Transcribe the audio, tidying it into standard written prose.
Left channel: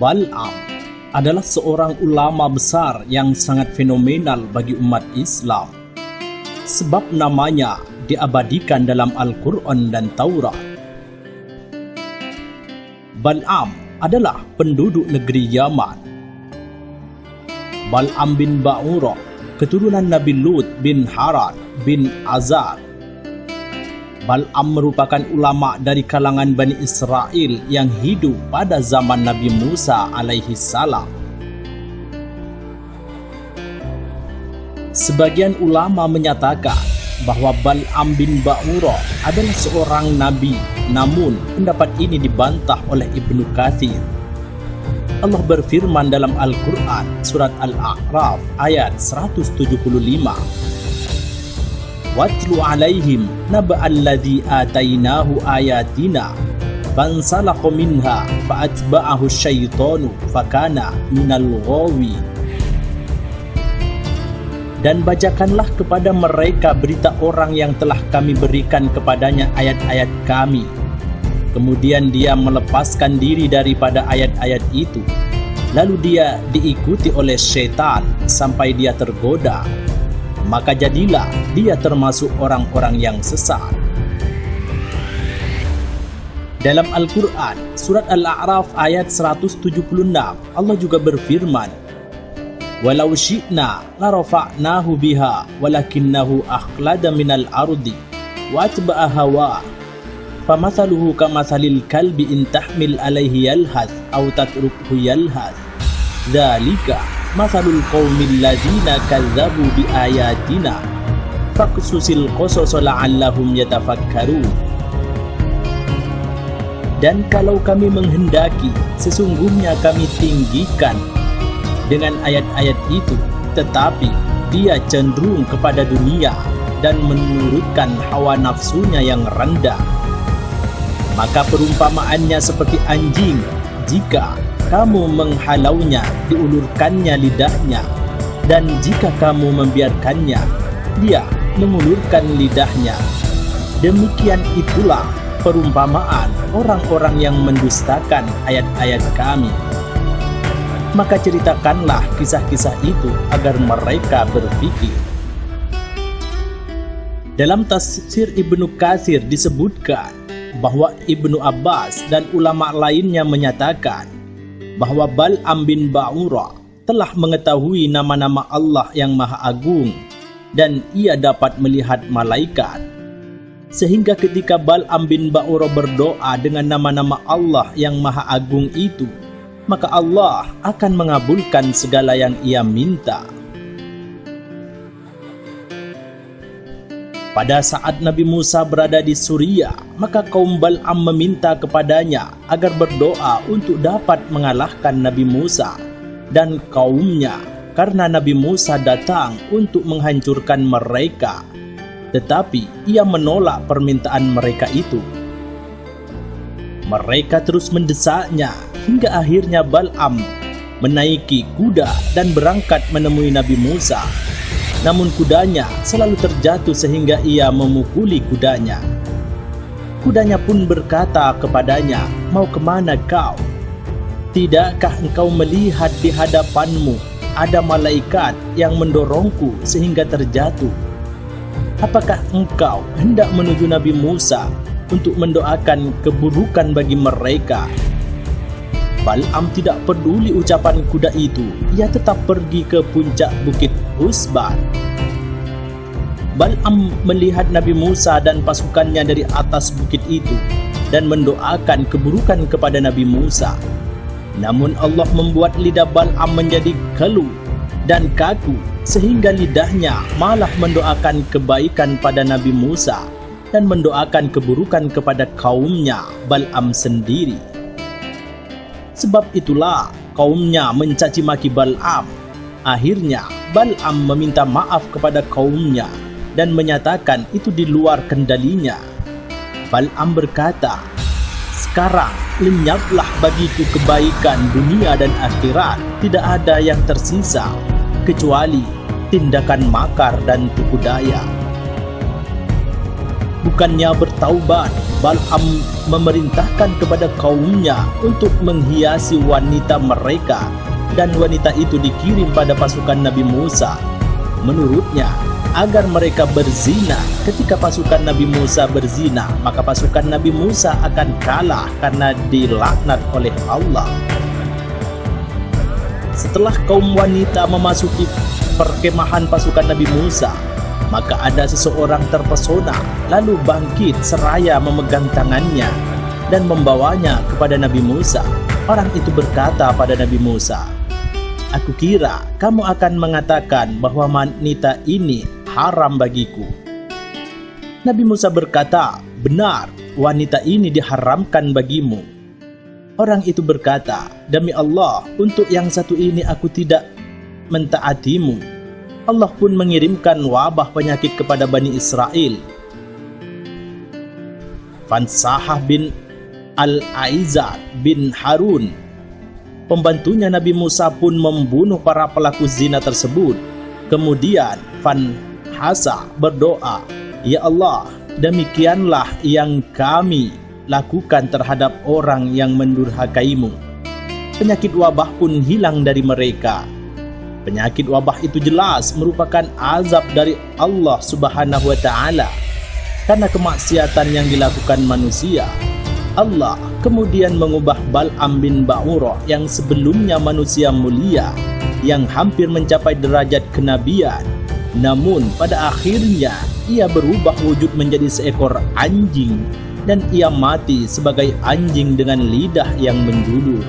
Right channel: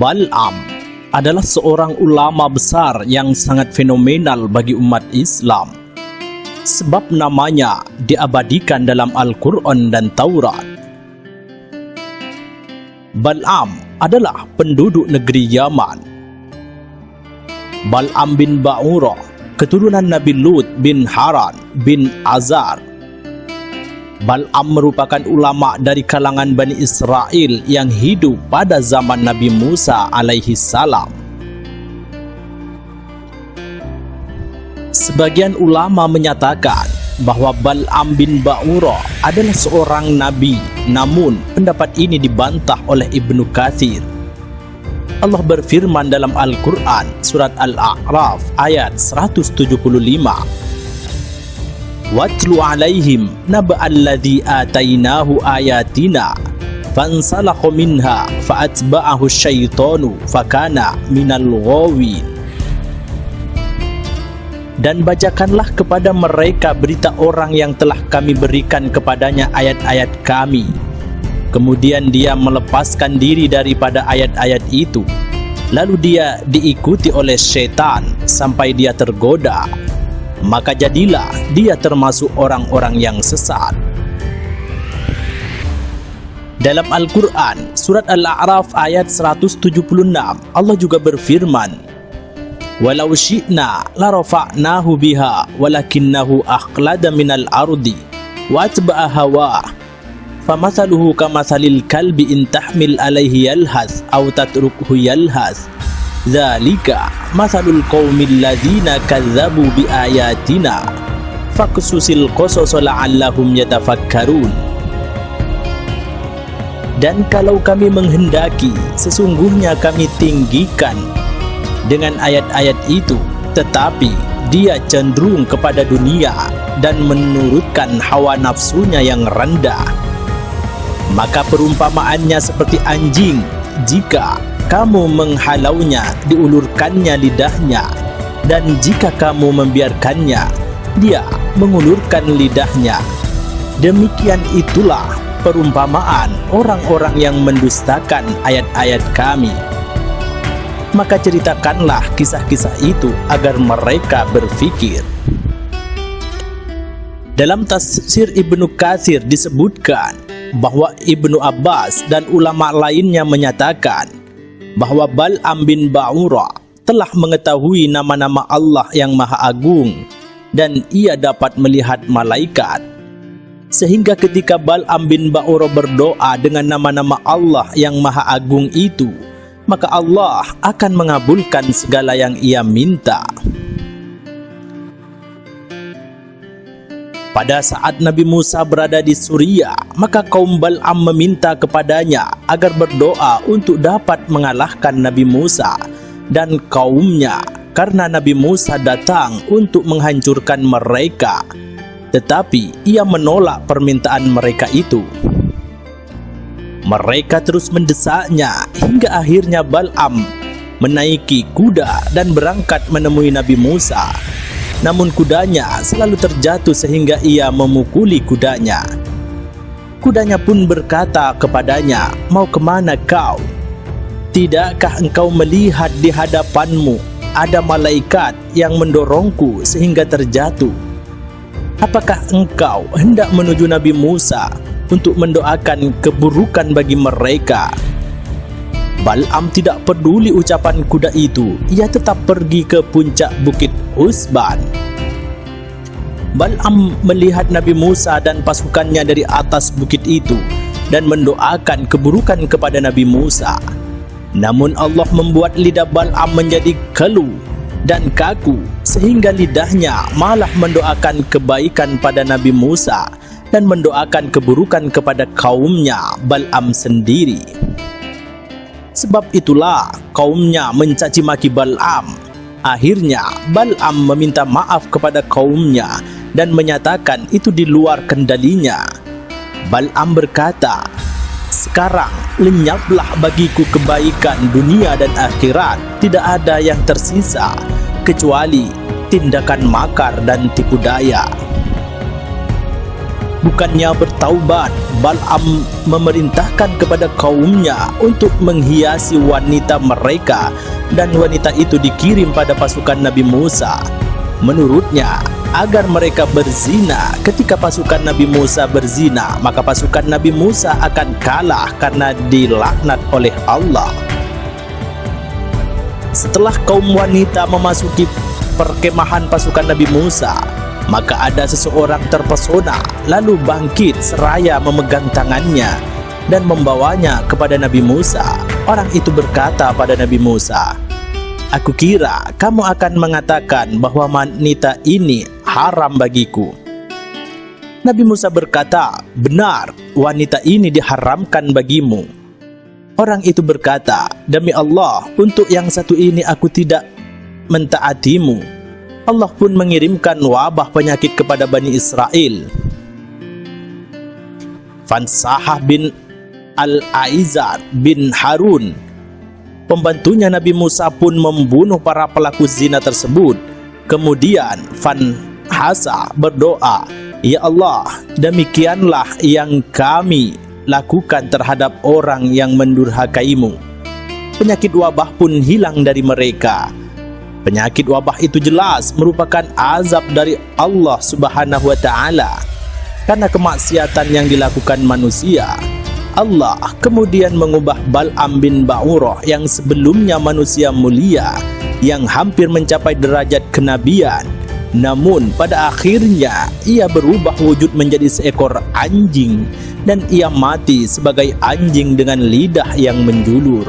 Bal'am adalah seorang ulama besar yang sangat fenomenal bagi umat Islam, sebab namanya diabadikan dalam Al-Quran dan Taurat. Bal'am adalah penduduk negeri Yaman. Bal'am bin Ba'urah, keturunan Nabi Lut bin Haran bin Azar. Bal'am merupakan ulama dari kalangan Bani Israel yang hidup pada zaman Nabi Musa alaihi salam. Sebagian ulama menyatakan bahwa Bal'am bin Ba'urah adalah seorang nabi, namun pendapat ini dibantah oleh Ibnu Katsir. Allah berfirman dalam Al-Quran surat Al-A'raf ayat 175, "Watlu alaihim naba'alladzi atainahu ayatina fansalakha minha fa'atba'ahu syaitanu fakana minal ghawin." Dan bacakanlah kepada mereka berita orang yang telah kami berikan kepadanya ayat-ayat kami, kemudian dia melepaskan diri daripada ayat-ayat itu, lalu dia diikuti oleh syaitan sampai dia tergoda, maka jadilah dia termasuk orang-orang yang sesat. Dalam Al-Quran surat Al-A'raf ayat 176, Allah juga berfirman, "Walau syi'na la rafa'nahu biha walakinnahu akhlada minal ardi wa atba'a hawa famathaluhu kamathalil kalbi in tahmil alaihi yalhath aw tatrukhu yalhath dzalika mathalul qaumil ladzina kadzdzabu biayatina faqsusil qasas la'allahum yatafakkarun." Dan kalau kami menghendaki, sesungguhnya kami tinggikan dengan ayat-ayat itu, tetapi dia cenderung kepada dunia dan menurutkan hawa nafsunya yang rendah. Maka perumpamaannya seperti anjing, jika kamu menghalaunya, diulurkannya lidahnya, dan jika kamu membiarkannya, dia mengulurkan lidahnya. Demikian itulah perumpamaan orang-orang yang mendustakan ayat-ayat kami. Maka ceritakanlah kisah-kisah itu agar mereka berfikir. Dalam tafsir Ibnu Katsir disebutkan bahwa Ibnu Abbas dan ulama lainnya menyatakan bahwa Bal'am bin Ba'urah telah mengetahui nama-nama Allah yang Maha Agung dan ia dapat melihat malaikat, sehingga ketika Bal'am bin Ba'urah berdoa dengan nama-nama Allah yang Maha Agung itu, maka Allah akan mengabulkan segala yang ia minta. Pada saat Nabi Musa berada di Suriah, maka kaum Bal'am meminta kepadanya agar berdoa untuk dapat mengalahkan Nabi Musa dan kaumnya, karena Nabi Musa datang untuk menghancurkan mereka, tetapi ia menolak permintaan mereka itu. Mereka terus mendesaknya hingga akhirnya Bal'am menaiki kuda dan berangkat menemui Nabi Musa. Namun kudanya selalu terjatuh sehingga ia memukuli kudanya. Kudanya pun berkata kepadanya, "Mau kemana kau? Tidakkah engkau melihat di hadapanmu ada malaikat yang mendorongku sehingga terjatuh? Apakah engkau hendak menuju Nabi Musa untuk mendoakan keburukan bagi mereka?" Bal'am tidak peduli ucapan kuda itu. Ia tetap pergi ke puncak bukit Usban. Bal'am melihat Nabi Musa dan pasukannya dari atas bukit itu dan mendoakan keburukan kepada Nabi Musa. Namun Allah membuat lidah Bal'am menjadi keluh dan kaku, sehingga lidahnya malah mendoakan kebaikan pada Nabi Musa dan mendoakan keburukan kepada kaumnya Bal'am sendiri. Sebab itulah kaumnya mencaci maki Bal'am. Akhirnya Bal'am meminta maaf kepada kaumnya dan menyatakan itu di luar kendalinya. Bal'am berkata, "Sekarang lenyaplah bagiku kebaikan dunia dan akhirat. Tidak ada yang tersisa kecuali tindakan makar dan tipu daya." Bukannya bertaubat, Bal'am memerintahkan kepada kaumnya untuk menghiasi wanita mereka, dan wanita itu dikirim pada pasukan Nabi Musa. Menurutnya, agar mereka berzina. Ketika pasukan Nabi Musa berzina, maka pasukan Nabi Musa akan kalah karena dilaknat oleh Allah. Setelah kaum wanita memasuki perkemahan pasukan Nabi Musa, maka ada seseorang terpesona, lalu bangkit seraya memegang tangannya dan membawanya kepada Nabi Musa. Orang itu berkata pada Nabi Musa, "Aku kira kamu akan mengatakan bahwa wanita ini haram bagiku." Nabi Musa berkata, "Benar, wanita ini diharamkan bagimu." Orang itu berkata, "Demi Allah, untuk yang satu ini aku tidak mentaatimu." Allah pun mengirimkan wabah penyakit kepada Bani Israel. Fansahah bin Al-Aizar bin Harun, pembantunya Nabi Musa, pun membunuh para pelaku zina tersebut. Kemudian Fanhasa berdoa, "Ya Allah, demikianlah yang kami lakukan terhadap orang yang mendurhakaimu." Penyakit wabah pun hilang dari mereka. Penyakit wabah itu jelas merupakan azab dari Allah Subhanahu wa Ta'ala karena kemaksiatan yang dilakukan manusia. Allah kemudian mengubah Bal'am bin Ba'urah yang sebelumnya manusia mulia yang hampir mencapai derajat kenabian, namun pada akhirnya ia berubah wujud menjadi seekor anjing dan ia mati sebagai anjing dengan lidah yang menjulur.